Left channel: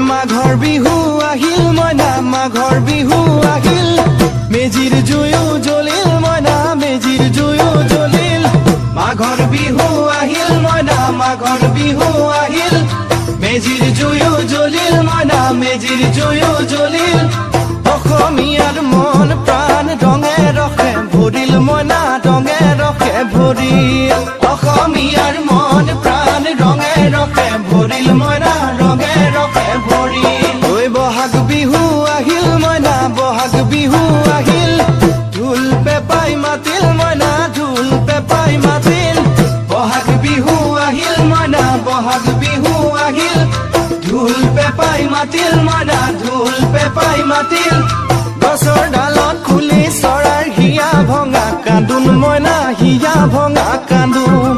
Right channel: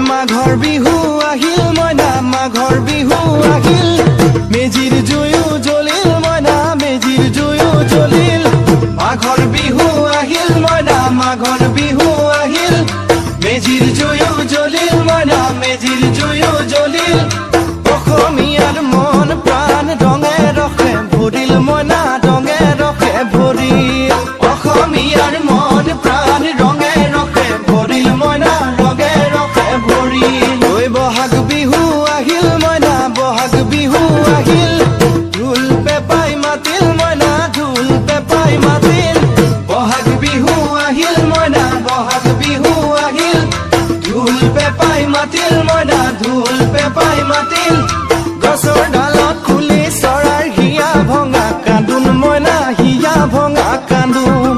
মাঘৰ বিহু আহিল মইনা মাঘৰ বিহু আহিল মেজিৰ জুয়ো জ্বলিল মইনা মেজিৰ জুয়ো জ্বলিল মাঘৰ বিহু আহিল মইনা মাঘৰ বিহু আহিল মেজিৰ জুয়ো জ্বলিল মইনা মেজিৰ জুয়ো জ্বলিল অসমীয়াৰ মন প্ৰাণ ৰঙে ৰখে ভৰিল মইনা ৰঙে ৰখে ভৰিল অসমীয়াৰ মন প্ৰাণ ৰঙে ৰখে ভৰিল মইনা ৰঙে ৰখে ভৰিল ঐ বহাগ বিহু আহিল মইনা বহাগ বিহু আহিল ঢোল পেপাই মাতিল মইনা ঢোল পেপাই মাতিল বহাগ বিহু আহিল মইনা বহাগ বিহু আহিল ঢোল পেপাই মাতিল মইনা ঢোল পেপাই মাতিল গছৰ ডালত খুলি চৰাইৰ হিয়া ভঙা কান্দোন মইনা হিয়া ভঙা কান্দোন